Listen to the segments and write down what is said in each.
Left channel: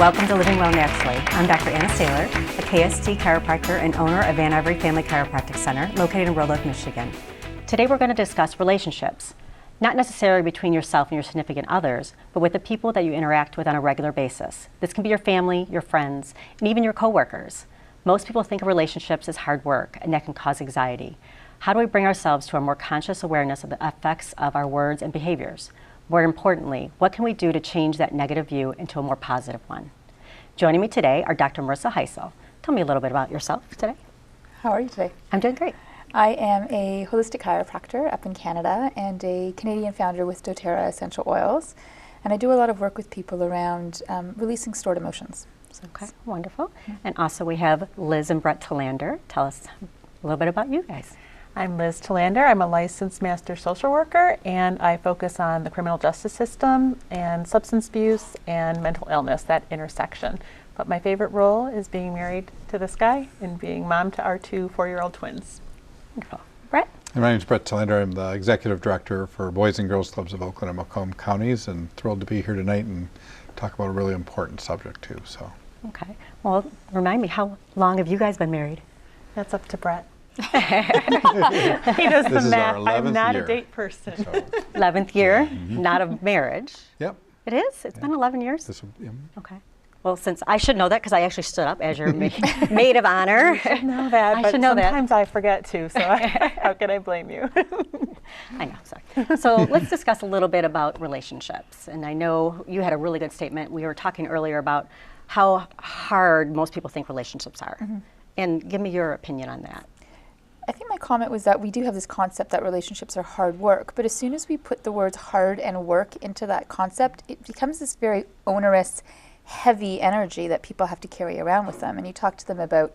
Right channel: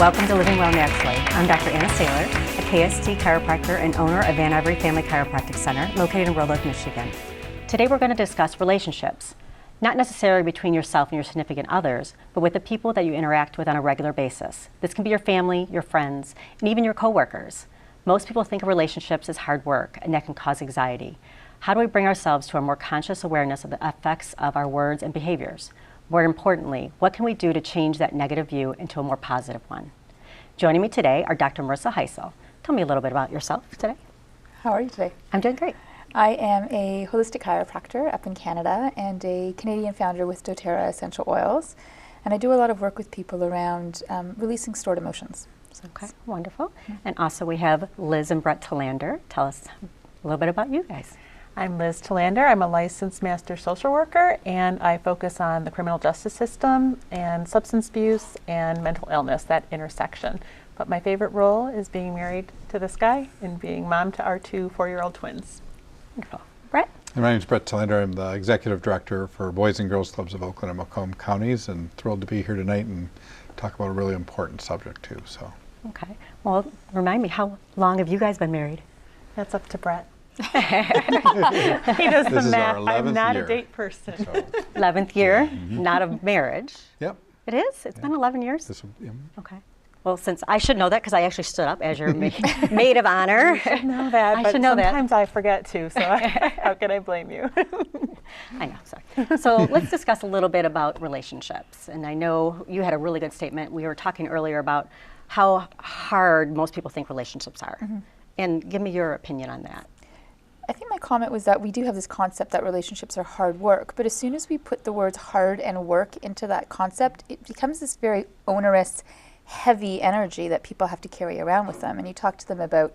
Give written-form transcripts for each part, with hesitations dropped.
welcome to Living Well Naturally. I'm Dr. Anna Saylor, a KST chiropractor and owner of Van Ivory Family Chiropractic Center, located in Roanoke, Michigan. Today we're going to discuss relationships, not necessarily between yourself and your significant others, but with the people that you interact with on a regular basis. This can be your family, your friends, and even your coworkers. Most people think of relationships as hard work, and that can cause anxiety. How do we bring ourselves to a more conscious awareness of the effects of our words and behaviors? More importantly, what can we do to change that negative view into a more positive one? Joining me today are Dr. Marissa Heisel. Tell me a little bit about yourself today. How are you today? I'm doing great. I am a holistic chiropractor up in Canada and a Canadian founder with doTERRA Essential Oils. And I do a lot of work with people around releasing stored emotions. Okay, wonderful. And also we have Liz and Brett Talander. Tell us a little bit about you guys. I'm Liz Talander. I'm a licensed master social worker, and I focus on the criminal justice system and substance abuse and mental illness, that intersection. But my favorite role is being married to this guy and being mom to our two 4-year-old twins. Wonderful. Brett? My name is Brett Talander. I'm the executive director for Boys and Girls Clubs of Oakland and Macomb counties, and thrilled to be here tonight and talk about a really important subject too. So. Okay. Well, remind me, how long have you guys been married? That's up to Brett. He does This the is our math. 11th I'm not year. a date person. 11th year, not of marriage. Yep. It is? It's been 11 years? This will, Okay. Well, since I should know that because I actually stood up as your maid of honor. know that, I but should know that. sometimes I forget to, so how can I blame you? I know, sorry. So let's discuss a little bit about relationships. And I know you had a really good statement. We were talking earlier about how hard most people think relationships are. And give me your opinion on that. I think my comment was that we do have this concept that relationships are hard work, but as soon as we put the words hard and work into that concept, it becomes this very onerous, heavy energy that people have to carry around with them. And you talk to them about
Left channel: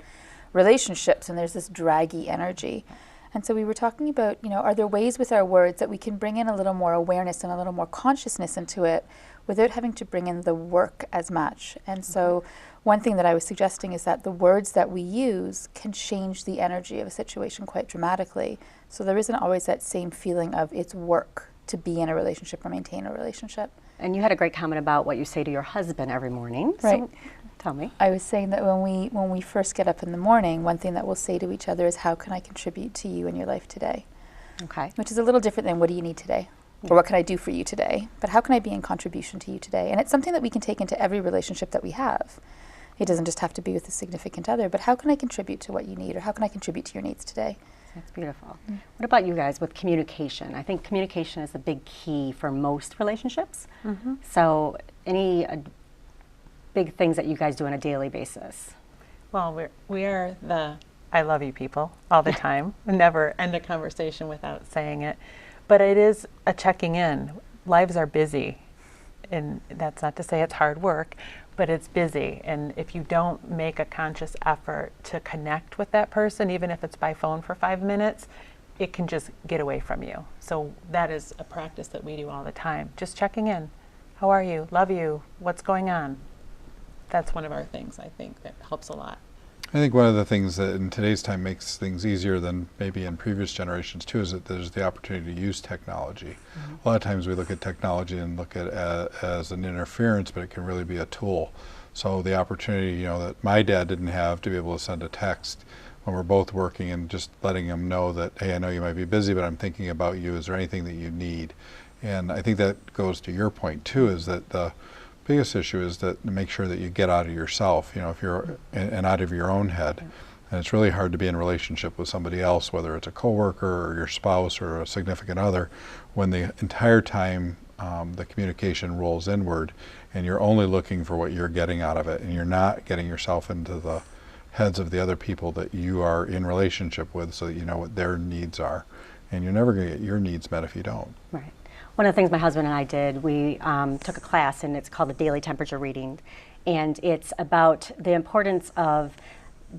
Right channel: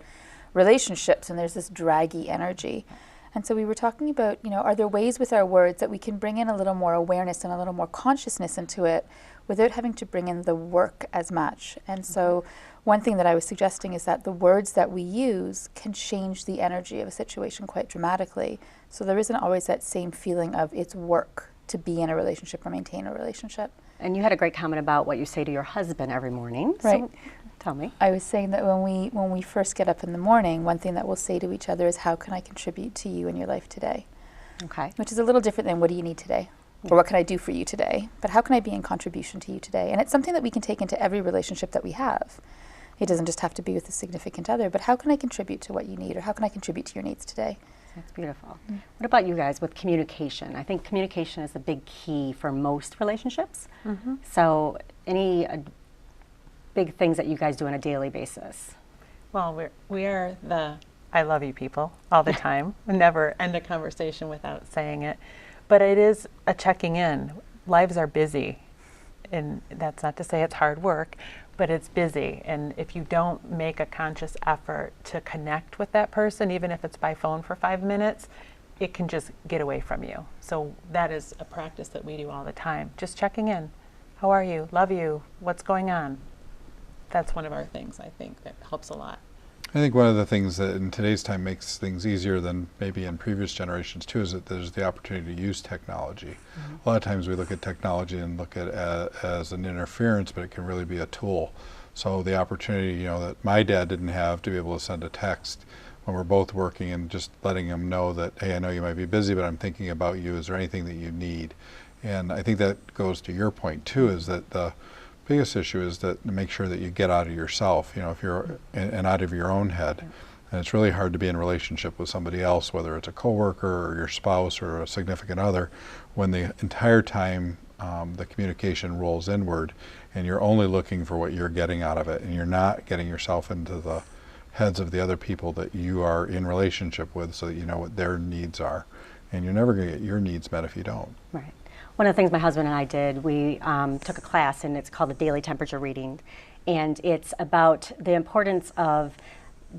relationships and there's this draggy energy. And so we were talking about, are there ways with our words that we can bring in a little more awareness and a little more consciousness into it without having to bring in the work as much? And so one thing that I was suggesting is that the words that we use can change the energy of a situation quite dramatically. So there isn't always that same feeling of it's work to be in a relationship or maintain a relationship. And you had a great comment about what you say to your husband every morning. Right. So tell me. I was saying that when we first get up in the morning, one thing that we'll say to each other is, how can I contribute to you in your life today? Okay. Which is a little different than what do you need today? Or what can I do for you today? But how can I be in contribution to you today? And it's something that we can take into every relationship that we have. It doesn't just have to be with a significant other, but how can I contribute to what you need, or how can I contribute to your needs today? That's beautiful. What about you guys with communication? I think communication is the big key for most relationships. So any big things that you guys do on a daily basis? Well, we are the I love you people all the time. We never end a conversation without saying it. But it is a checking in. Lives are busy. And that's not to say it's hard work, but it's busy. And if you don't make a conscious effort to connect with that person, even if it's by phone for 5 minutes, it can just get away from you. So that is a practice that we do all the time. Just checking in. How are you? Love you. What's going on? That's one of our things, I think, that helps a lot. I think one of the things that in today's time makes things easier than maybe in previous generations too is that there's the opportunity to use technology. A lot of times we look at technology and look at it as an interference, but it can really be a tool. So the opportunity, that my dad didn't have to be able to send a text when we're both working and just letting him know that, hey, I know you might be busy, but I'm thinking about you. Is there anything that you need? And I think that goes to your point too, is that the biggest issue is that to make sure that you get out of yourself, if you're and out of your own head. And it's really hard to be in a relationship with somebody else, whether it's a coworker or your spouse or a significant other, when the entire time the communication rolls inward and you're only looking for what you're getting out of it, and you're not getting yourself into the heads of the other people that you are in relationship with, so that you know what their needs are. And you're never going to get your needs met if you don't. Right. One of the things my husband and I did, we took a class, and it's called the Daily Temperature Reading. And it's about the importance of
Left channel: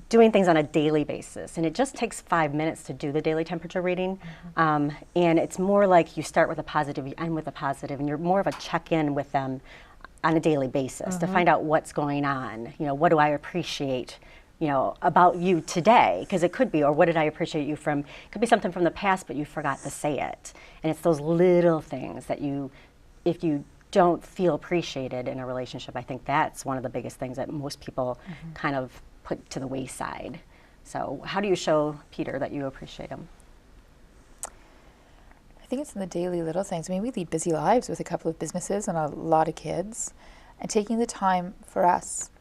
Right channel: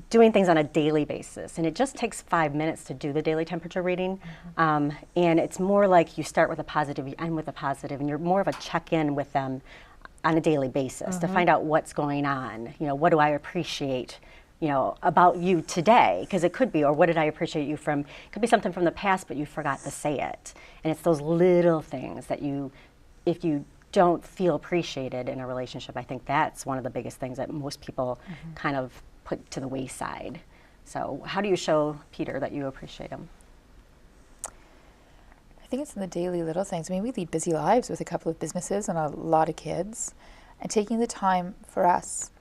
doing things on a daily basis. And it just takes 5 minutes to do the daily temperature reading. And it's more like you start with a positive, you end with a positive, and you're more of a check-in with them on a daily basis to find out what's going on. What do I appreciate about you today, because it could be, or what did I appreciate you from, it could be something from the past, but you forgot to say it. And it's those little things that if you don't feel appreciated in a relationship. I think that's one of the biggest things that most people kind of put to the wayside. So how do you show Peter that you appreciate him? I think it's in the daily little things. I mean, we lead busy lives with a couple of businesses and a lot of kids, and taking the time for us.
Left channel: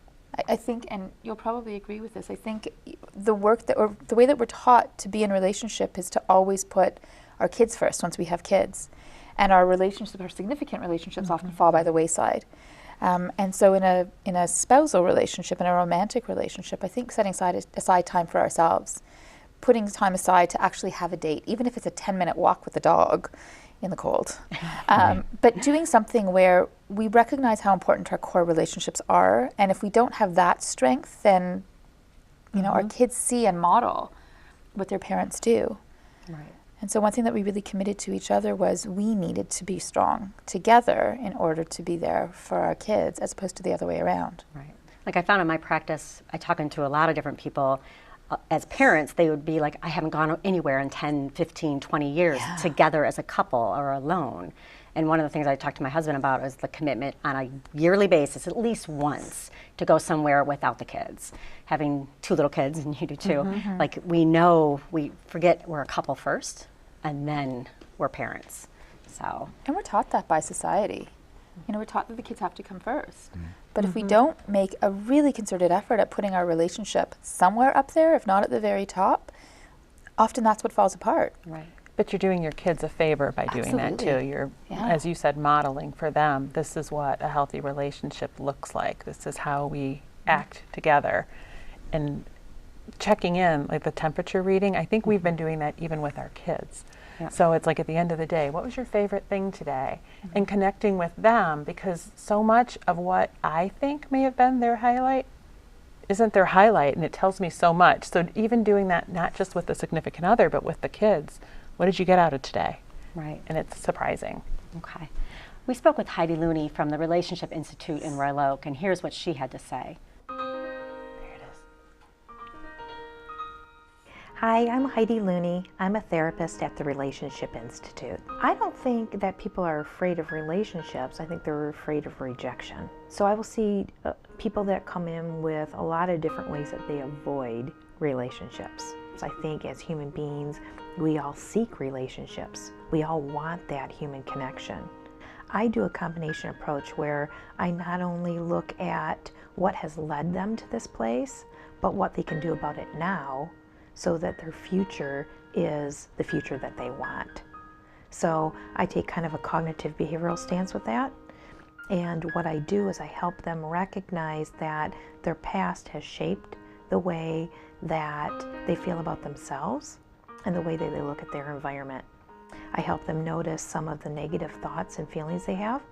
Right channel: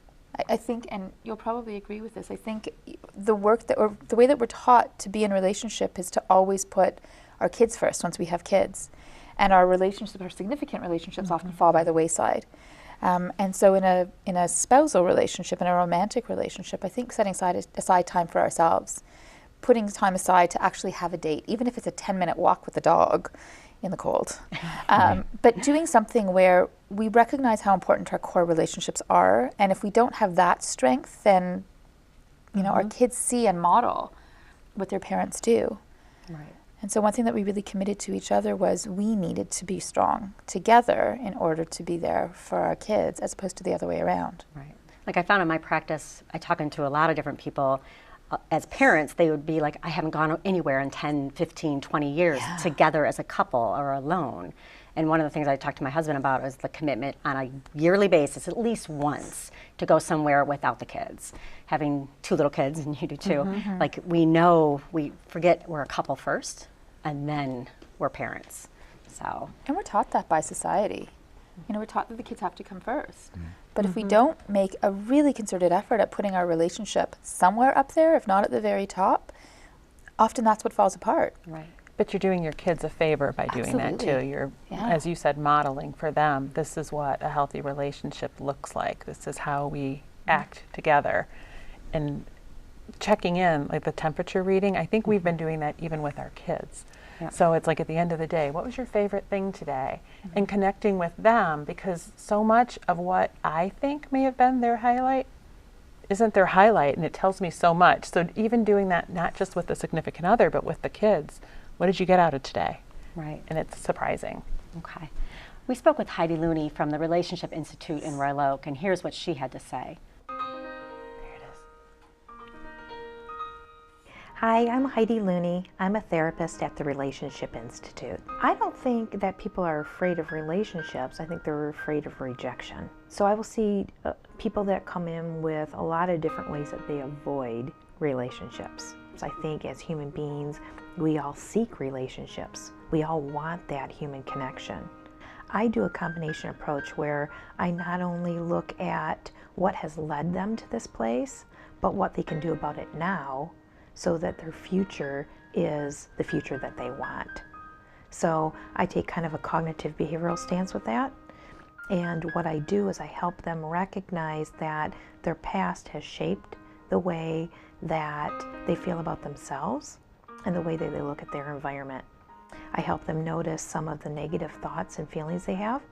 I think, and you'll probably agree with this, I think the work that, or the way that we're taught to be in a relationship is to always put our kids first once we have kids. And our relationships, our significant relationships often fall by the wayside. And so in a spousal relationship, in a romantic relationship, I think setting aside time for ourselves, putting time aside to actually have a date, even if it's a 10-minute walk with the dog in the cold. But doing something where we recognize how important our core relationships are, and if we don't have that strength, then our kids see and model what their parents do. Right. And so one thing that we really committed to each other was we needed to be strong together in order to be there for our kids, as opposed to the other way around. Right. Like I found in my practice, I talk to a lot of different people. As parents, they would be like, I haven't gone anywhere in 10, 15, 20 years together as a couple or alone. And one of the things I talked to my husband about is the commitment on a yearly basis, at least once, to go somewhere without the kids. Having 2 little kids, and you do too, like we forget we're a couple first, and then we're parents. So. And we're taught that by society. We're taught that the kids have to come first. But if we don't make a really concerted effort at putting our relationship somewhere up there, if not at the very top, often that's what falls apart. Right. But you're doing your kids a favor by doing that too. Absolutely. You're, Yeah. as you said, modeling for them. This is what a healthy relationship looks like. This is how we act together. And checking in, like the temperature reading, I think we've been doing that even with our kids. Yeah. So it's like at the end of the day, what was your favorite thing today? And connecting with them, because so much of what I think may have been their highlight isn't their highlight, and it tells me so much. So even doing that, not just with the significant other, but with the kids, what did you get out of today? Right. And it's surprising. Okay. We spoke with Heidi Looney from the Relationship Institute in Royal Oak, and here's what she had to say. There it is. Hi, I'm Heidi Looney. I'm a therapist at the Relationship Institute. I don't think that people are afraid of relationships. I think they're afraid of rejection. So I will see people that come in with a lot of different ways that they avoid relationships. So I think as human beings, we all seek relationships. We all want that human connection. I do a combination approach where I not only look at what has led them to this place, but what they can do about it now, so that their future is the future that they want. So I take kind of a cognitive behavioral stance with that. And what I do is I help them recognize that their past has shaped the way that they feel about themselves and the way that they look at their environment. I help them notice some of the negative thoughts and feelings they have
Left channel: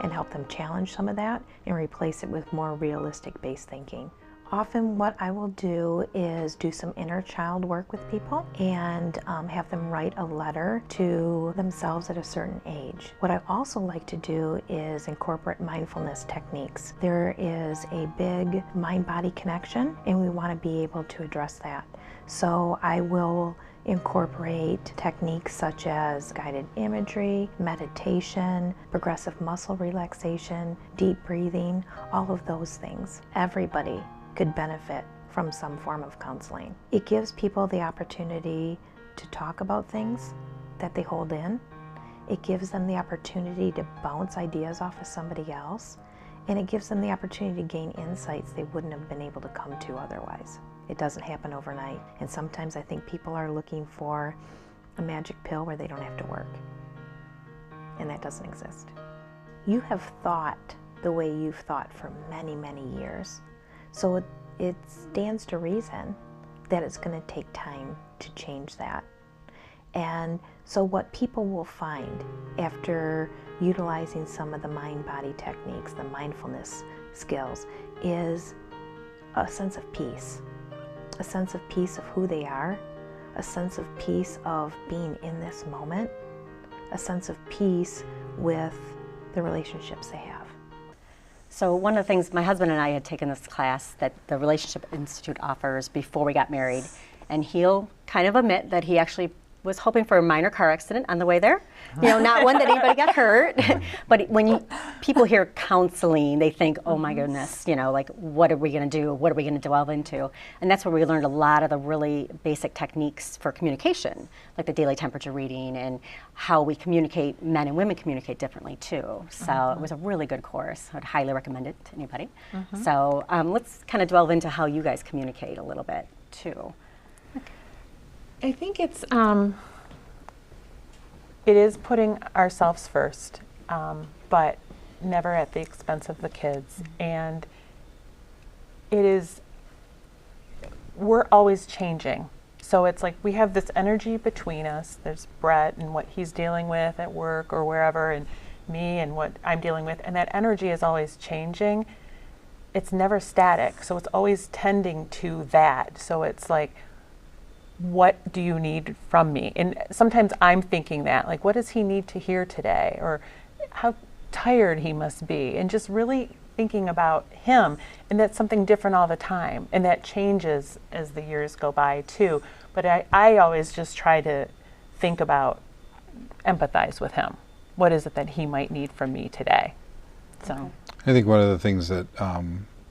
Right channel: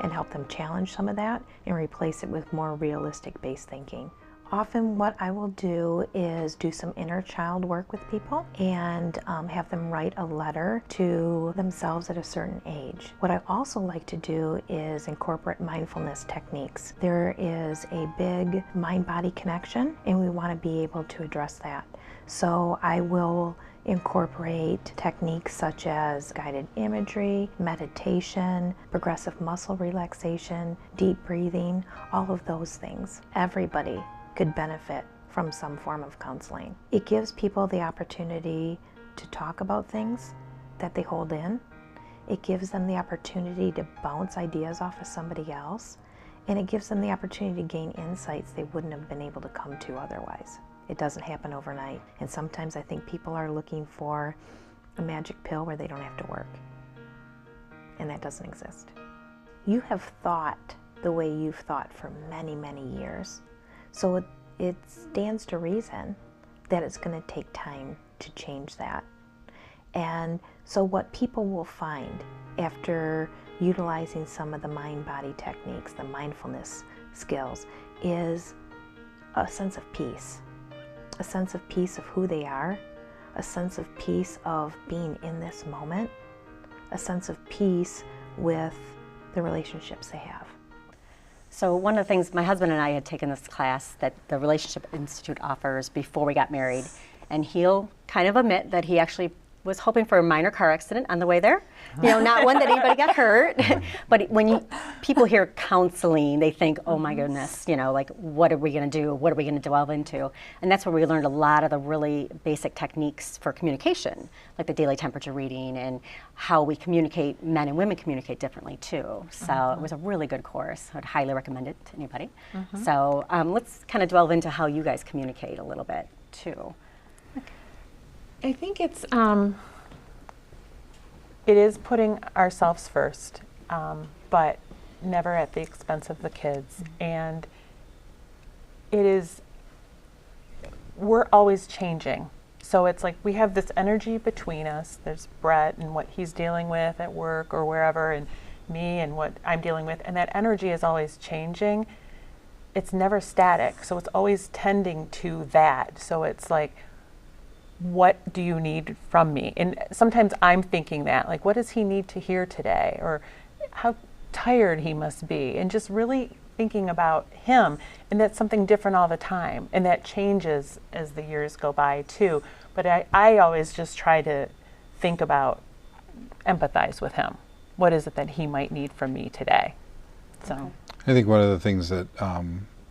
and help them challenge some of that and replace it with more realistic based thinking. Often what I will do is do some inner child work with people and have them write a letter to themselves at a certain age. What I also like to do is incorporate mindfulness techniques. There is a big mind-body connection, and we want to be able to address that. So I will incorporate techniques such as guided imagery, meditation, progressive muscle relaxation, deep breathing, all of those things. Everybody could benefit from some form of counseling. It gives people the opportunity to talk about things that they hold in. It gives them the opportunity to bounce ideas off of somebody else, and it gives them the opportunity to gain insights they wouldn't have been able to come to otherwise. It doesn't happen overnight, and sometimes I think people are looking for a magic pill where they don't have to work, and that doesn't exist. You have thought the way you've thought for many, many years. So it stands to reason that it's going to take time to change that. And so what people will find after utilizing some of the mind-body techniques, the mindfulness skills, is a sense of peace. A sense of peace of who they are, a sense of peace of being in this moment, a sense of peace with the relationships they have. So one of the things, my husband and I had taken this class that the Relationship Institute offers before we got married, and he'll kind of admit that he actually was hoping for a minor car accident on the way there. Not one that anybody got hurt, but people hear counseling, they think, oh my goodness, you know, like what are we going to do? What are we going to delve into? And that's where we learned a lot of the really basic techniques for communication, like the daily temperature reading and how we communicate, men and women communicate differently too. So it was a really good course. I would highly recommend it to anybody. So let's kind of delve into how you guys communicate a little bit too. I think it is putting ourselves first, but never at the expense of the kids. And we're always changing. So it's like we have this energy between us. There's Brett and what he's dealing with at work or wherever, and me and what I'm dealing with. And that energy is always changing. It's never static. So it's always tending to that. So it's like, what do you need from me? And sometimes I'm thinking that, like, what does he need to hear today? Or how tired he must be. And just really thinking about him. And that's something different all the time. And that changes as the years go by too. But I always just try to think about, empathize with him. What is it that he might need from me today? So I think one of the things that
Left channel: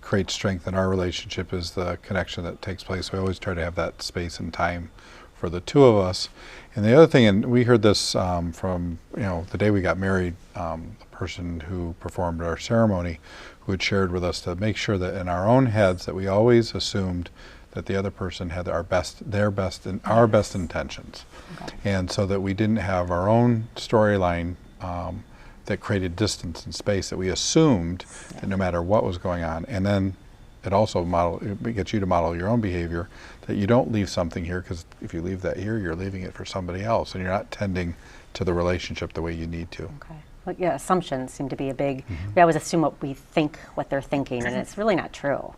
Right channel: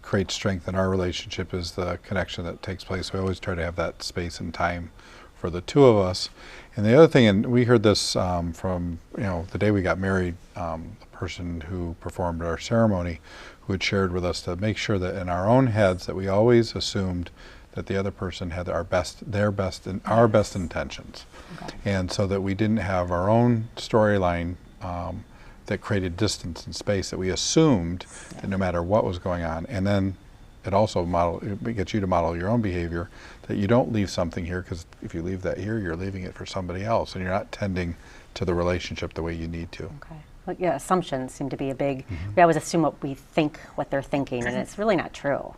creates strength in our relationship is the connection that takes place. We always try to have that space and time for the two of us. And the other thing, and we heard this from the day we got married, the person who performed our ceremony, who had shared with us to make sure that in our own heads that we always assumed that the other person had our best intentions, and so that we didn't have our own storyline that created distance and space, that we assumed that no matter what was going on. And then it gets you to model your own behavior, that you don't leave something here, because if you leave that here, you're leaving it for somebody else, and you're not tending to the relationship the way you need to. Okay. Well, yeah, assumptions seem to be a big, we always assume what we think, what they're thinking, and it's really not true.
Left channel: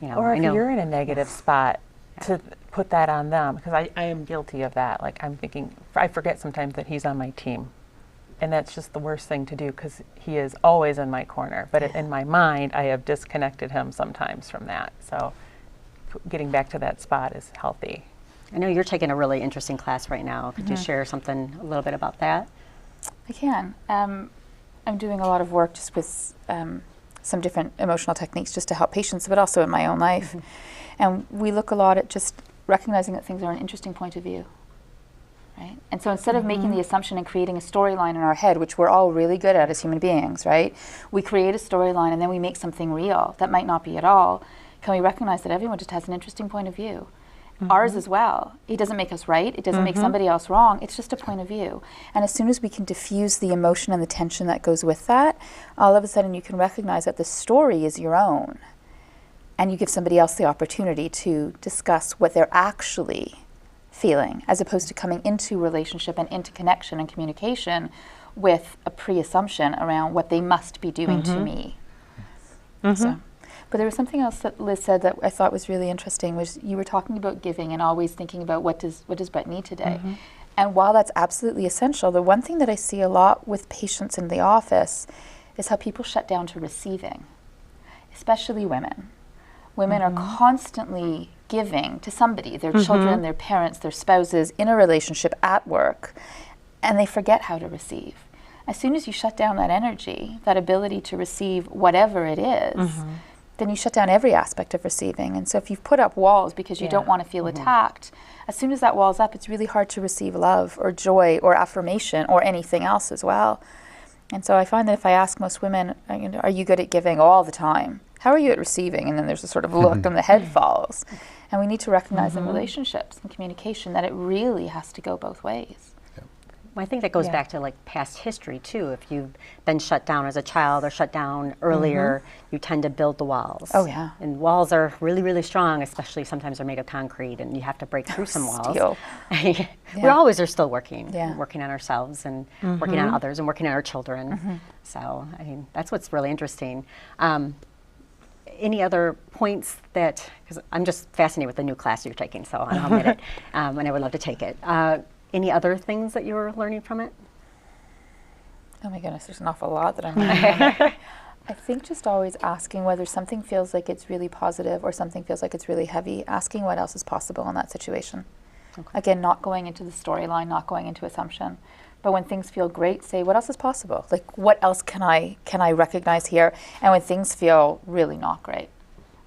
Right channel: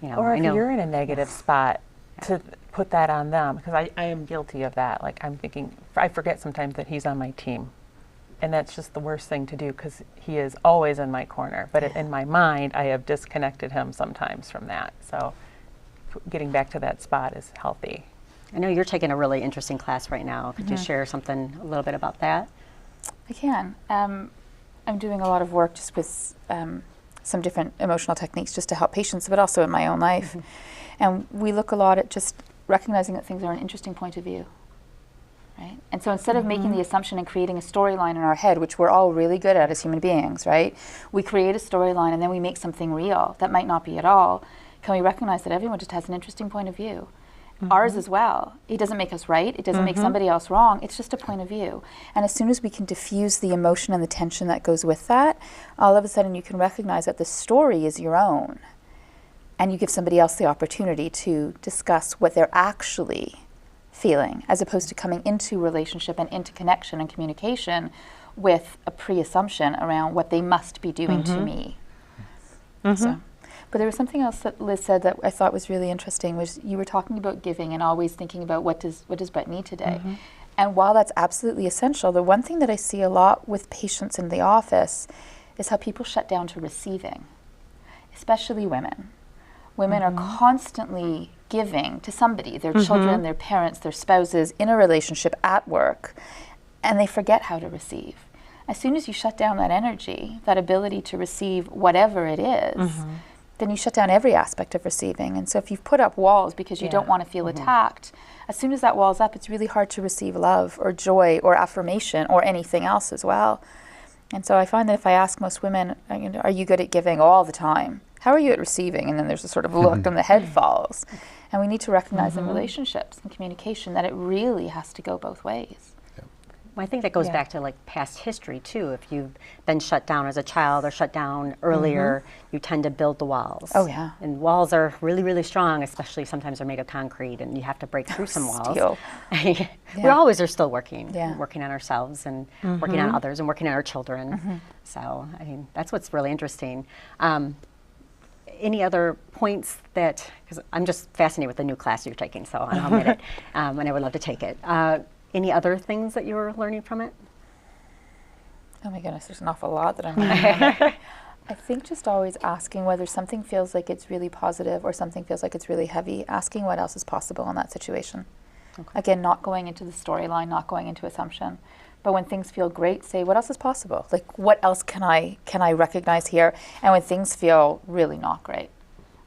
You know, or if you're in a negative spot, to put that on them, because I am guilty of that. Like, I'm thinking, I forget sometimes that he's on my team. And that's just the worst thing to do, because he is always in my corner. But in my mind, I have disconnected him sometimes from that. So getting back to that spot is healthy. I know you're taking a really interesting class right now. Could you share something a little bit about that? I can. I'm doing a lot of work just with some different emotional techniques just to help patients, but also in my own life. And we look a lot at just recognizing that things are an interesting point of view. Right? And so instead of making the assumption and creating a storyline in our head, which we're all really good at as human beings, right? We create a storyline and then we make something real that might not be at all. Can we recognize that everyone just has an interesting point of view? Ours as well. It doesn't make us right. It doesn't make somebody else wrong. It's just a point of view. And as soon as we can diffuse the emotion and the tension that goes with that, all of a sudden you can recognize that the story is your own. And you give somebody else the opportunity to discuss what they're actually feeling, as opposed to coming into relationship and into connection and communication with a pre-assumption around what they must be doing to me. So, but there was something else that Liz said that I thought was really interesting, was you were talking about giving and always thinking about what does Brett need today. And while that's absolutely essential, the one thing that I see a lot with patients in the office is how people shut down to receiving, especially women. Women are constantly giving to somebody, their children, their parents, their spouses, in a relationship, at work, and they forget how to receive. As soon as you shut down that energy, that ability to receive whatever it is, then you shut down every aspect of receiving. And so if you've put up walls because you don't want to feel attacked, as soon as that wall's up, it's really hard to receive love or joy or affirmation or anything else as well. And so I find that if I ask most women, are you good at giving all the time? How are you at receiving? And then there's a sort of look and the head falls. And we need to recognize in relationships and communication that it really has to go both ways. Well, I think that goes back to like past history too. If you've been shut down as a child or shut down earlier, you tend to build the walls. Oh, yeah. And walls are really, really strong, especially sometimes they're made of concrete and you have to break through some walls. Steel. We always are still working, Yeah. working on ourselves and working on others and working on our children. So, I mean, that's what's really interesting. Any other points that, because I'm just fascinated with the new class you're taking, so I'll admit it, and I would love to take it. Any other things that you're learning from it? Oh my goodness, there's an awful lot that I'm learning. I think just always asking whether something feels like it's really positive or something feels like it's really heavy, asking what else is possible in that situation. Again, not going into the storyline, not going into assumption, But when things feel great, say, what else is possible? Like, what else can I recognize here? And when things feel really not great,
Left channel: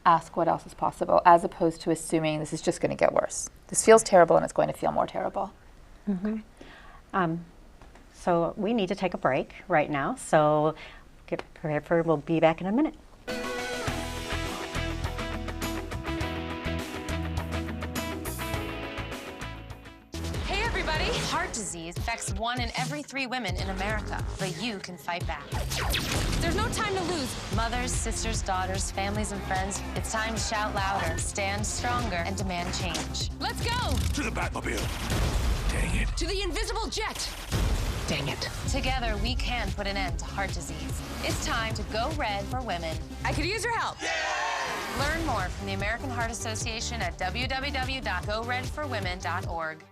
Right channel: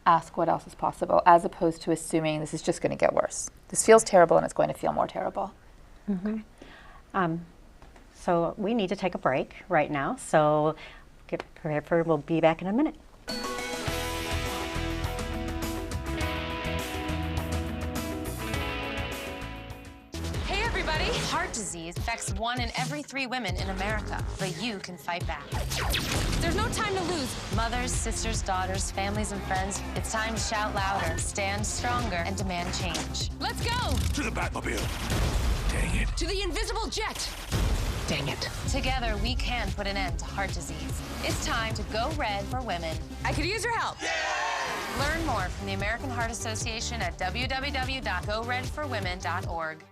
ask what else is possible, as opposed to assuming this is just going to get worse. This feels terrible and it's going to feel more terrible. So we need to take a break right now. So get prepared for, we'll be back in a minute. Hey everybody! Heart disease affects 1 in every 3 women in America, but you can fight back. There's no time to lose. Mothers, sisters, daughters, families, and friends, it's time to shout louder, stand stronger, and demand change. Let's go! To the Batmobile. Dang it. To the invisible jet! Dang it. Together, we can put an end to heart disease. It's time to go red for women. I could use your help. Learn more from the American Heart Association at www.goredforwomen.org.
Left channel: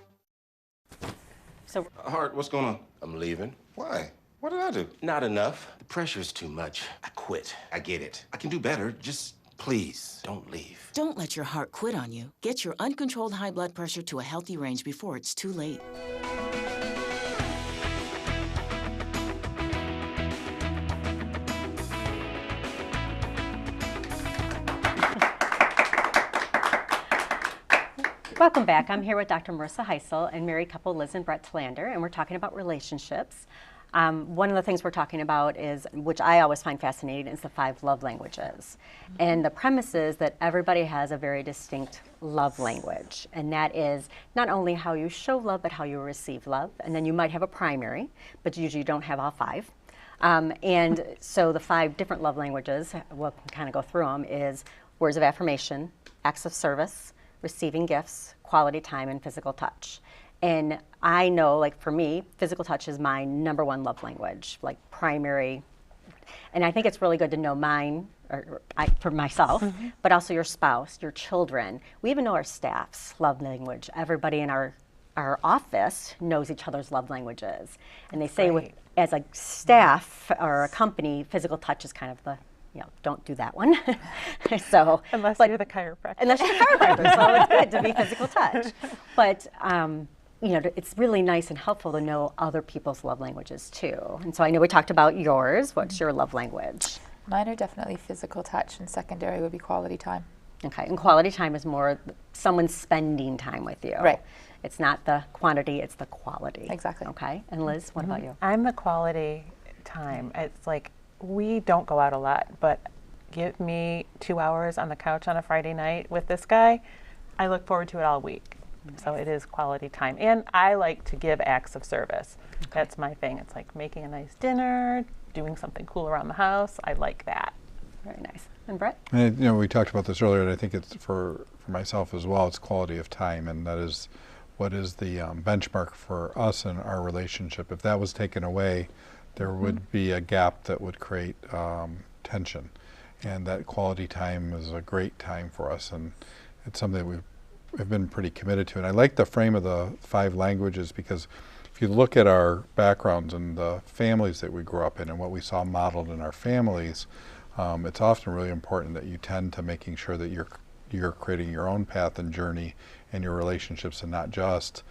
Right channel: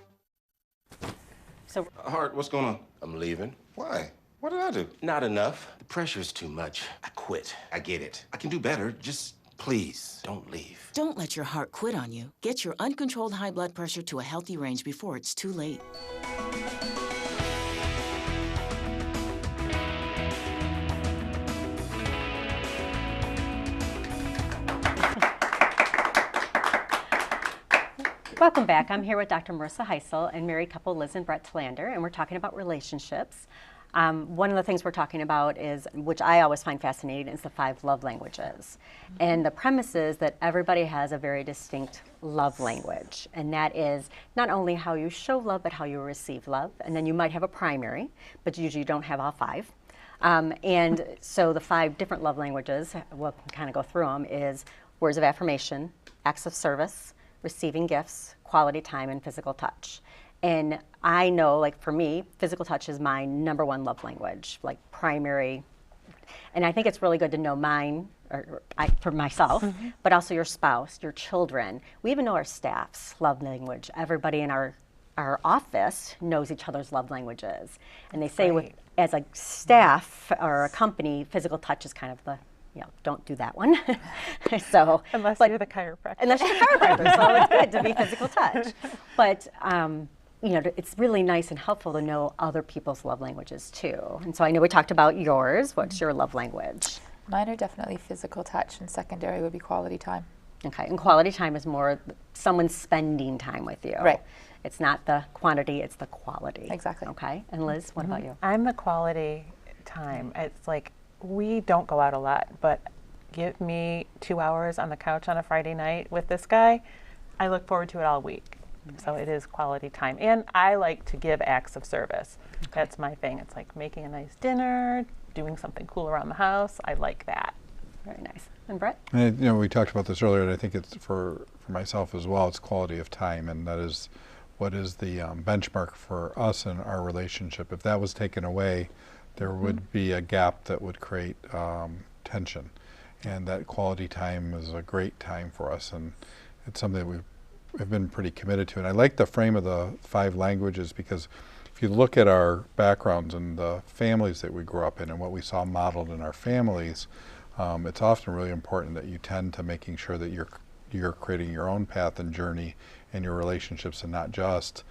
So Hart, what's going on? I'm leaving. Why? What did I do? Not enough. The pressure's too much. I quit. I get it. I can do better. Just please don't leave. Don't let your heart quit on you. Get your uncontrolled high blood pressure to a healthy range before it's too late. welcome back. I'm here with Dr. Marissa Heisel and married couple Liz and Brett Tlander, and we're talking about relationships. One of the things we're talking about is, which I always find fascinating, is the 5 love languages. And the premise is that everybody has a very distinct love language. And that is not only how you show love, but how you receive love. And then you might have a primary, but usually you don't have all 5. And so the 5 different love languages, we'll kind of go through them, is words of affirmation, acts of service, receiving gifts, quality time, and physical touch. And I know, like for me, physical touch is my #1 love language, like primary. And I think it's really good to know mine, for myself, but also your spouse, your children. We even know our staff's love language. Everybody in our office knows each other's love languages. And they say as a staff or a company, physical touch is kind of the, don't do that one. So Unless you're the chiropractor. Unless you're the chiropractor, so it's good to be physical touch. But it's really nice and helpful to know other people's love languages too. And so I know we talked about yours. What's your love language? Mine are definitely physical touch, and secondary would be quality time. Okay, and quality time is more someone spending time with you. Right. It's not the quantity, it's the quality. Exactly. Okay, and Liz, what about you? I'm the quality time. It's like, we don't go out a lot, but give me 2 hours on the couch on a Friday night with this guy. I look forward to it all week. So it is quality time. And I like to give acts of service. That's my thing. It's like making a nice dinner, doing something cool around the house. I like that. Very nice. And Brett? We talked about this earlier, and I think it's for myself as well, it's quality of time, and that is what is the benchmark for us in our relationship. If that was taken away, there would be a gap that would create tension, and that quality time is a great time for us, and it's something we've been pretty committed to. And I like the frame of the 5 languages, because if you look at our backgrounds and the families that we grew up in and what we saw modeled in our families, it's often really important that you tend to making sure that you're creating your own path and journey in your relationships, and not just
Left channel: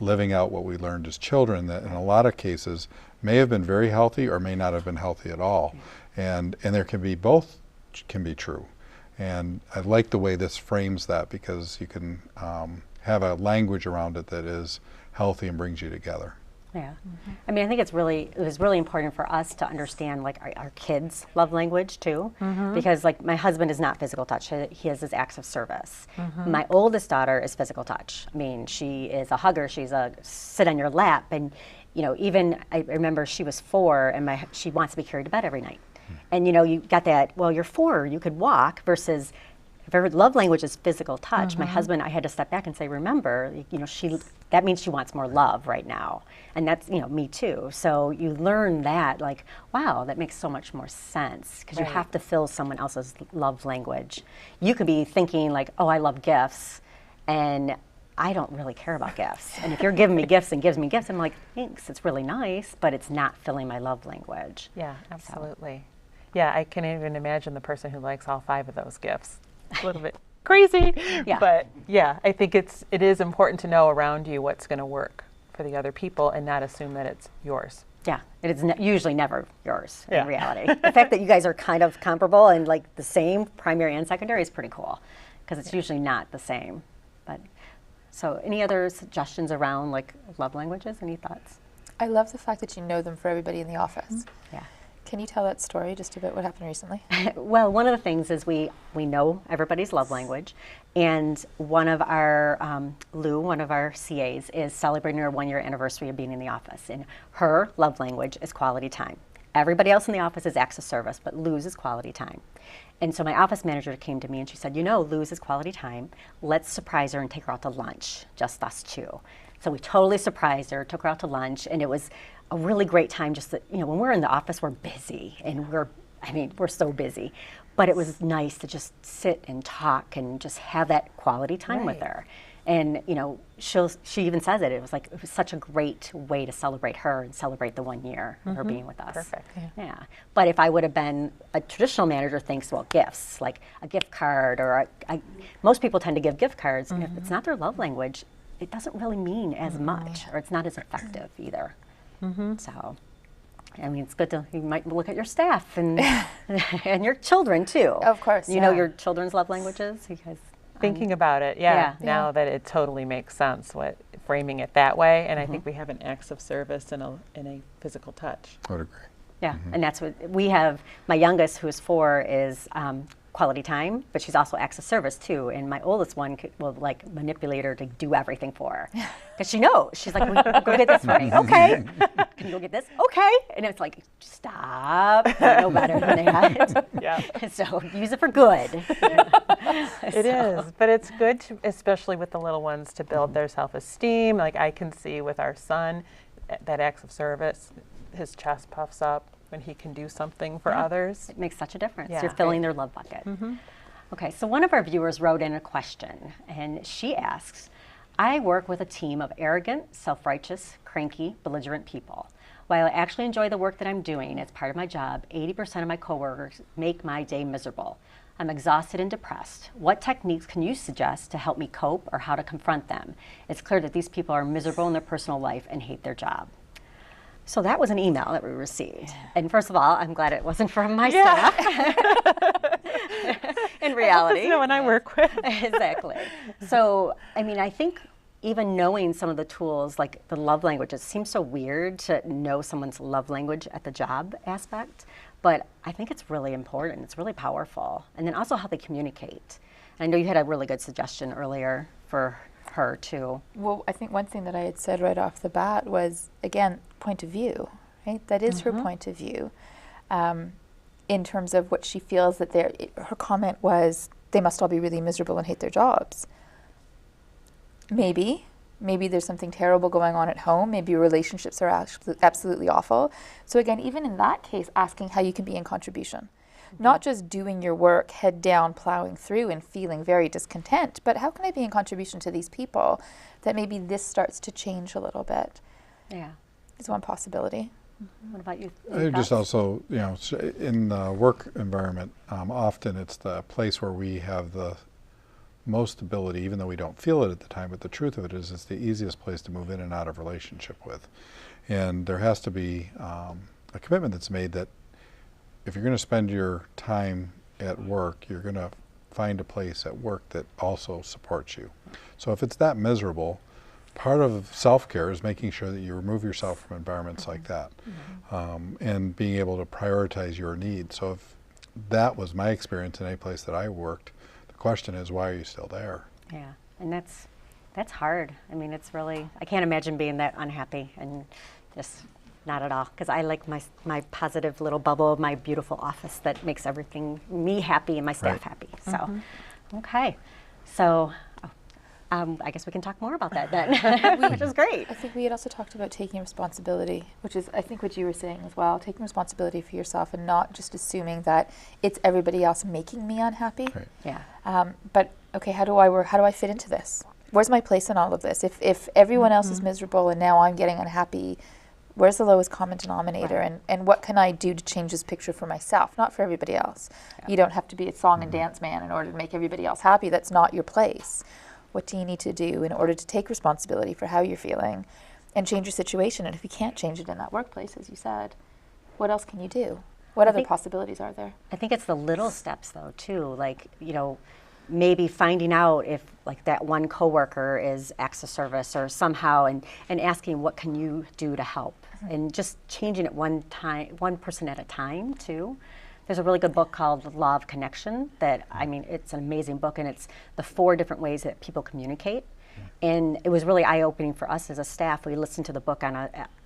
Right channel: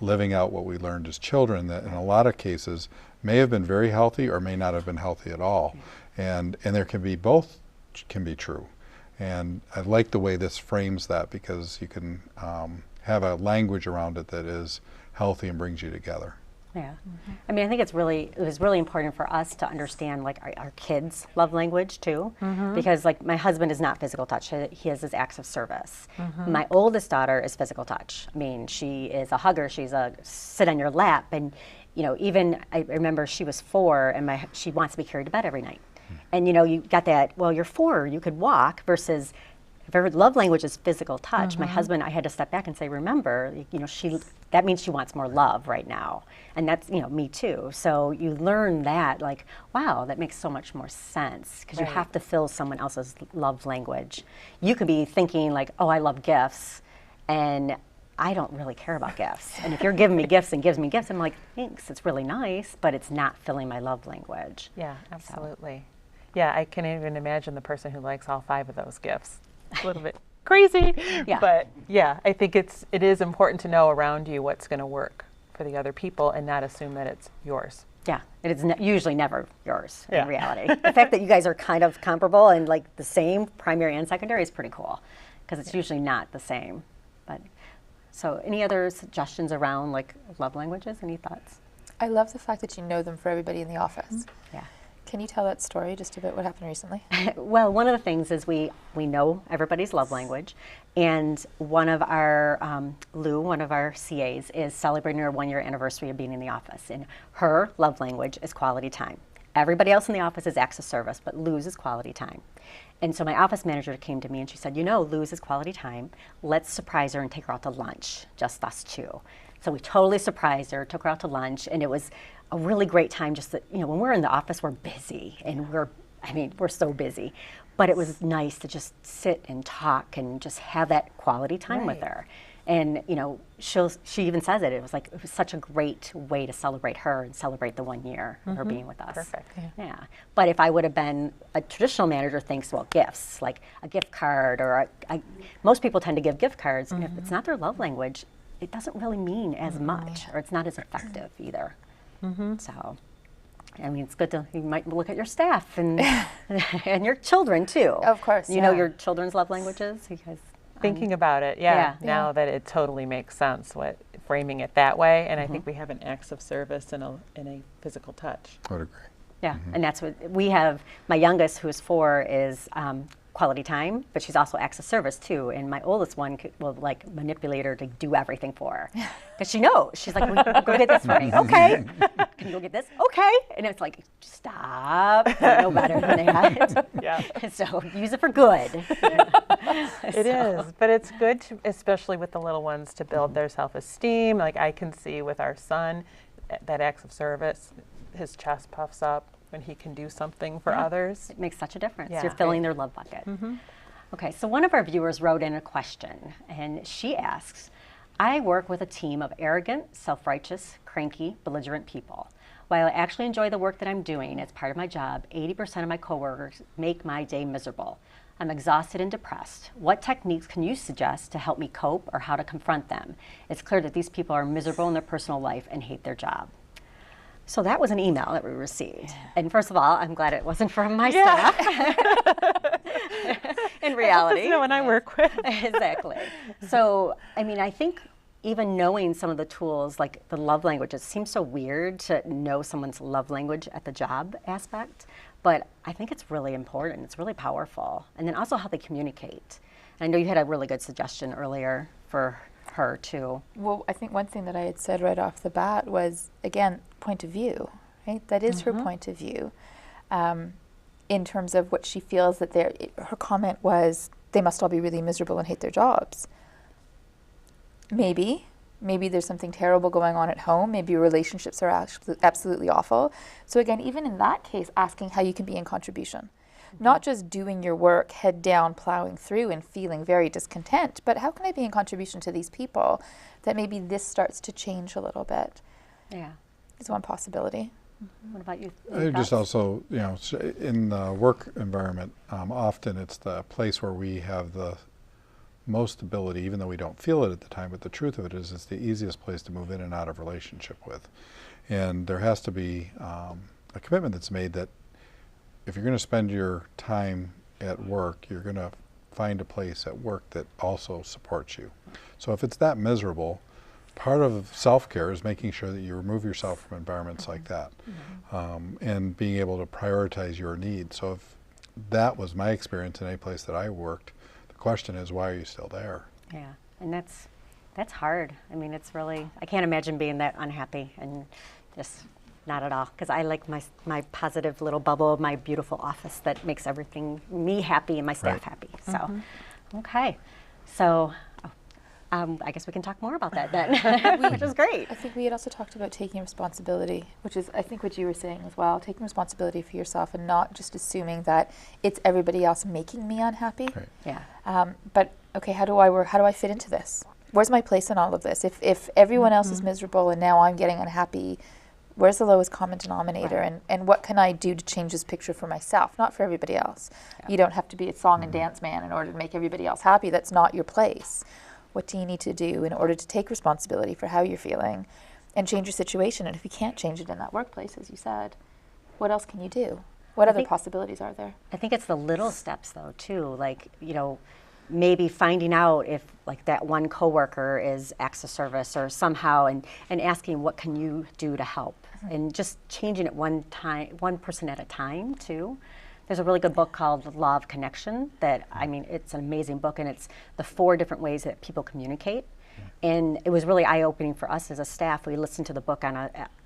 living out what we learned as children, that in a lot of cases may have been very healthy or may not have been healthy at all. And there can be both can be true. And I like the way this frames that, because you can have a language around it that is healthy and brings you together. Yeah. I mean, I think it was really important for us to understand like our kids' love language too, because like my husband is not physical touch. He has his acts of service. My oldest daughter is physical touch. I mean, she is a hugger. She's a sit on your lap. And, even I remember she was 4 and she wants to be carried to bed every night. And, you got that, well, you're 4, you could walk, versus if her love language is physical touch. My husband, I had to step back and say, remember, that means she wants more love right now. And that's, me too. So you learn that, like, wow, that makes so much more sense, because you have to fill someone else's love language. You could be thinking like, oh, I love gifts, and I don't really care about gifts. And if you're giving me gifts and gives me gifts, I'm like, thanks, it's really nice, but it's not filling my love language. Yeah, absolutely. Yeah, I can even imagine the person who likes all 5 of those gifts. A little bit crazy, Yeah. but yeah, I think it is important to know around you what's going to work for the other people and not assume that it's yours. Yeah, it is usually never yours in Yeah. reality. The fact that you guys are kind of comparable and like the same primary and secondary is pretty cool because it's usually not the same. But so any other suggestions around like love languages? Any thoughts? I love the fact that you know them for everybody in the office. Yeah. Can you tell that story just about what happened recently? Well, one of the things is we know everybody's love language, and one of our Lou, one of our CAs, is celebrating her 1-year anniversary of being in the office, and her love language is quality time. Everybody else in the office is acts of service, but Lou's is quality time. And so my office manager came to me and she said, Lou's is quality time. Let's surprise her and take her out to lunch, just us two. So we totally surprised her, took her out to lunch, and it was a really great time. Just that, when we're in the office, we're busy, and we're so busy. But it was nice to just sit and talk and just have that quality time with her. And she even says it. It was such a great way to celebrate her and celebrate the 1 year of her being with us. Perfect. Yeah. But if I would have been a traditional manager, thinks, well, gifts like a gift card, or most people tend to give gift cards. If it's not their love language, it doesn't really mean as much, or it's not as effective either. So, it's good to, you might look at your staff and and your children too. Of course, You know your children's love languages because Thinking about it, now that it totally makes sense, framing it that way, and I think we have an acts of service and a physical touch. I would agree. yeah, and that's what we have. My youngest, who is 4, is quality time, but she's also acts of service too. And my oldest one will manipulate her to do everything for her because she knows. She's like, go get this for me. Okay. Can you go get this? Okay. And it's like, stop. You know better than that. Yeah. So use it for good. It is, but it's good, especially with the little ones, to build their self-esteem. Like I can see with our son, that acts of service, his chest puffs up when he can do something for others. It makes such a difference. Yeah. You're filling their love bucket. Okay, so one of our viewers wrote in a question, and she asks, I work with a team of arrogant, self-righteous, cranky, belligerent people. While I actually enjoy the work that I'm doing as part of my job, 80% of my coworkers make my day miserable. I'm exhausted and depressed. What techniques can you suggest to help me cope or how to confront them? It's clear that these people are miserable in their personal life and hate their job. So that was an email that we received. And first of all, I'm glad it wasn't from my staff. In reality. No one I work with. Exactly. So, I think even knowing some of the tools, like the love languages, seems so weird to know someone's love language at the job aspect. But I think it's really important. It's really powerful. And then also how they communicate. I know you had a really good suggestion earlier for her too. Well, I think one thing that I had said right off the bat was, again, point of view, right? That is her point of view. In terms of what she feels that her comment was, they must all be really miserable and hate their jobs. Maybe there's something terrible going on at home. Maybe your relationships are absolutely awful. So again, even in that case, asking how you can be in contribution. Not just doing your work, head down, plowing through and feeling very discontent, but how can I be in contribution to these people that maybe this starts to change a little bit? Yeah. Is one possibility. What about you? I just also, in the work environment, often it's the place where we have the most stability, even though we don't feel it at the time. But the truth of it is, it's the easiest place to move in and out of relationship with. And there has to be a commitment that's made that if you're going to spend your time at work, you're going to find a place at work that also supports you. So if it's that miserable, part of self-care is making sure that you remove yourself from environments like that, and being able to prioritize your needs. So if that was my experience in any place that I worked, the question is, why are you still there? Yeah, and that's hard. It's really, I can't imagine being that unhappy and just not at all, because I like my positive little bubble of my beautiful office that makes everything, me happy and my staff happy. So, okay. So, I guess we can talk more about that then, which is great. I think we had also talked about taking responsibility, which is, I think, what you were saying as well, taking responsibility for yourself and not just assuming that it's everybody else making me unhappy. Right. Yeah. But, okay, how do I work? How do I fit into this? Where's my place in all of this? If everyone else is miserable and now I'm getting unhappy, where's the lowest common denominator, and what can I do to change this picture for myself, not for everybody else? Yeah. You don't have to be a song and dance man in order to make everybody else happy. That's not your place. What do you need to do in order to take responsibility for how you're feeling and change your situation. And if you can't change it in that workplace, as you said, what else can you do? What other possibilities are there? I think it's the little steps though too, like, you know, maybe finding out if like that one coworker is acts of service or somehow, and asking what can you do to help, and just changing it one person at a time too. There's a really good book called The Law of Connection that, I mean, it's an amazing book, and it's the 4 different ways that people communicate. And it was really eye-opening for us as a staff. We listened to the book we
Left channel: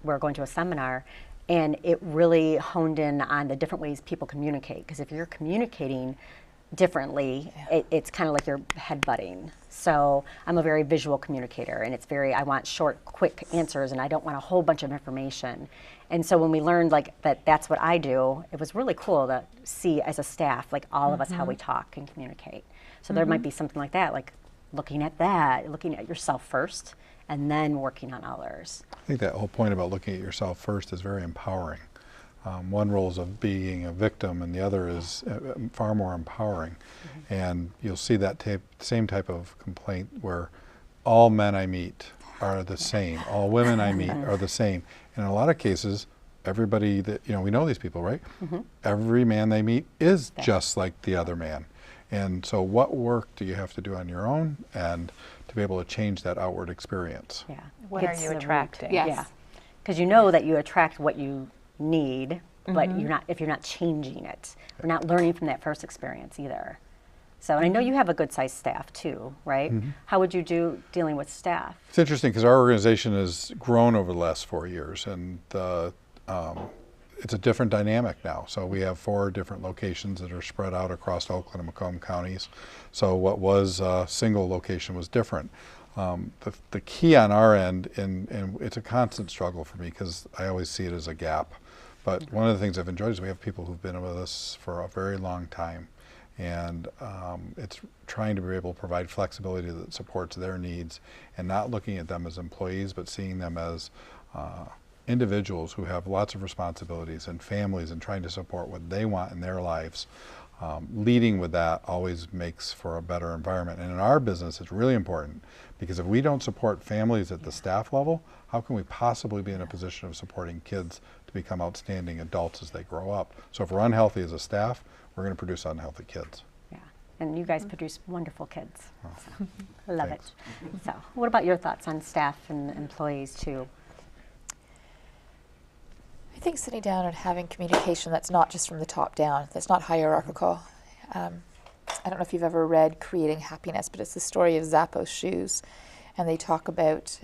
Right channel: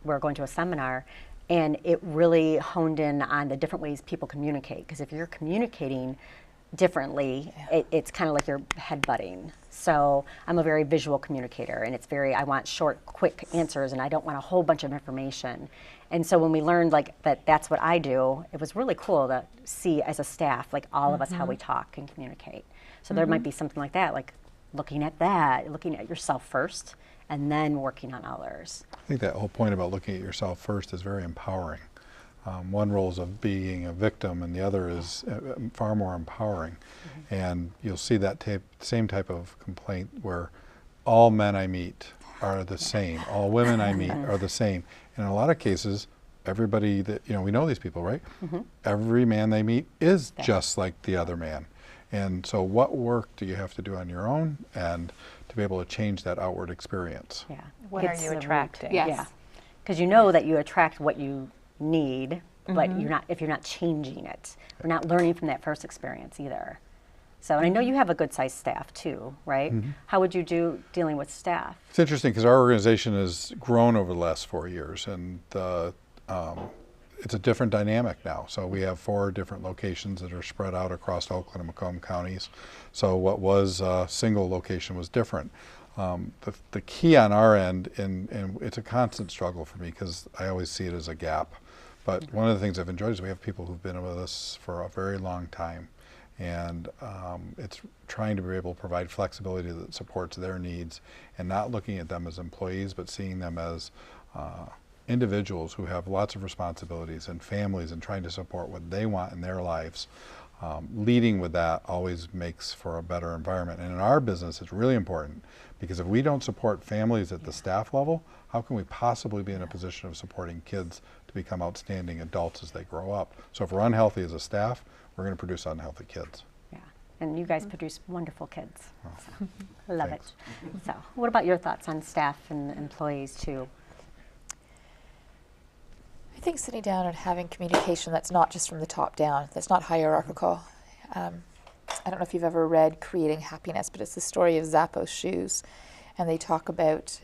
were going to a seminar, and it really honed in on the different ways people communicate. Because if you're communicating differently, it's kind of like you're headbutting. So I'm a very visual communicator, and I want short, quick answers, and I don't want a whole bunch of information. And so when we learned like that's what I do, it was really cool to see as a staff, like all of us, how we talk and communicate. So there might be something like that, like looking at yourself first, and then working on others. I think that whole point about looking at yourself first is very empowering. One role is of being a victim, and the other is far more empowering. And you'll see that same type of complaint where all men I meet are the same, all women I meet are the same. And in a lot of cases, everybody that, you know, we know these people, right? Every man they meet is just like the other man. And so what work do you have to do on your own and to be able to change that outward experience? Yeah. What are you attracting? Yes. Yeah. Because you know that you attract what you need, but if you're not changing it, you're not learning from that first experience either. So I know you have a good sized staff too, right? How would you do dealing with staff? It's interesting because our organization has grown over the last 4 years, and it's a different dynamic now. So we have 4 different locations that are spread out across Oakland and Macomb counties. So what was a single location was different. The key on our end, and it's a constant struggle for me because I always see it as a gap, but one of the things I've enjoyed is we have people who've been with us for a very long time. And it's trying to be able to provide flexibility that supports their needs, and not looking at them as employees, but seeing them as individuals who have lots of responsibilities and families, and trying to support what they want in their lives. Leading with that always makes for a better environment. And in our business, it's really important, because if we don't support families at the staff level, how can we possibly be in a position of supporting kids to become outstanding adults as they grow up? So if we're unhealthy as a staff, we're going to produce unhealthy kids. Yeah, and you guys produce wonderful kids. So, I love it. So what about your thoughts on staff and employees too? I think sitting down and having communication that's not just from the top down, that's not hierarchical. I don't know if you've ever read Creating Happiness, but it's the story of Zappos shoes, and they talk about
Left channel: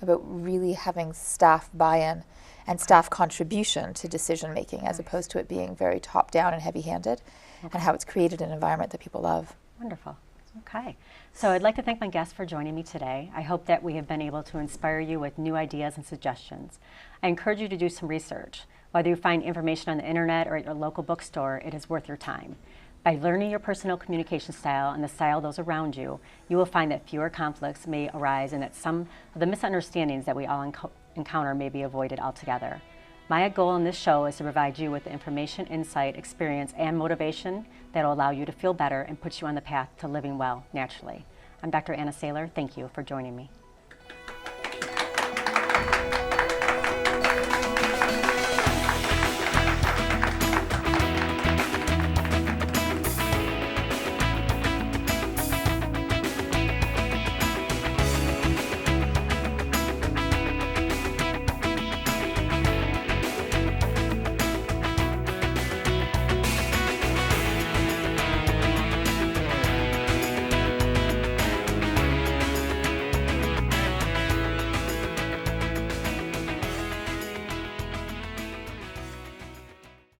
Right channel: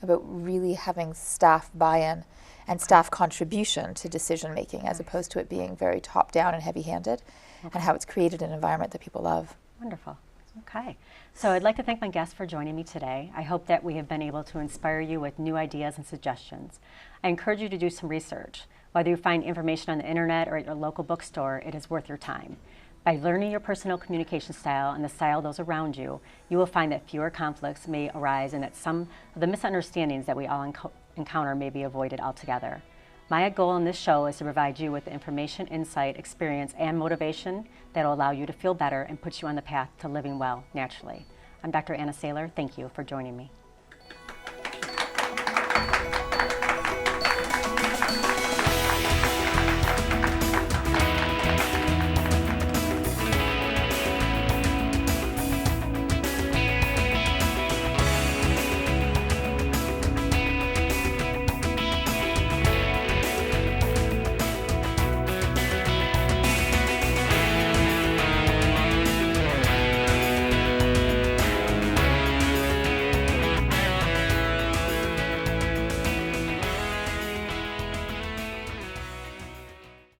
really having staff buy-in and staff contribution to decision making, as opposed to it being very top down and heavy handed, and how it's created an environment that people love. Wonderful. Okay. So I'd like to thank my guests for joining me today. I hope that we have been able to inspire you with new ideas and suggestions. I encourage you to do some research. Whether you find information on the internet or at your local bookstore, it is worth your time. By learning your personal communication style and the style of those around you, you will find that fewer conflicts may arise, and that some of the misunderstandings that we all encounter may be avoided altogether. My goal in this show is to provide you with the information, insight, experience, and motivation that will allow you to feel better and put you on the path to living well naturally. I'm Dr. Anna Saylor. Thank you for joining me.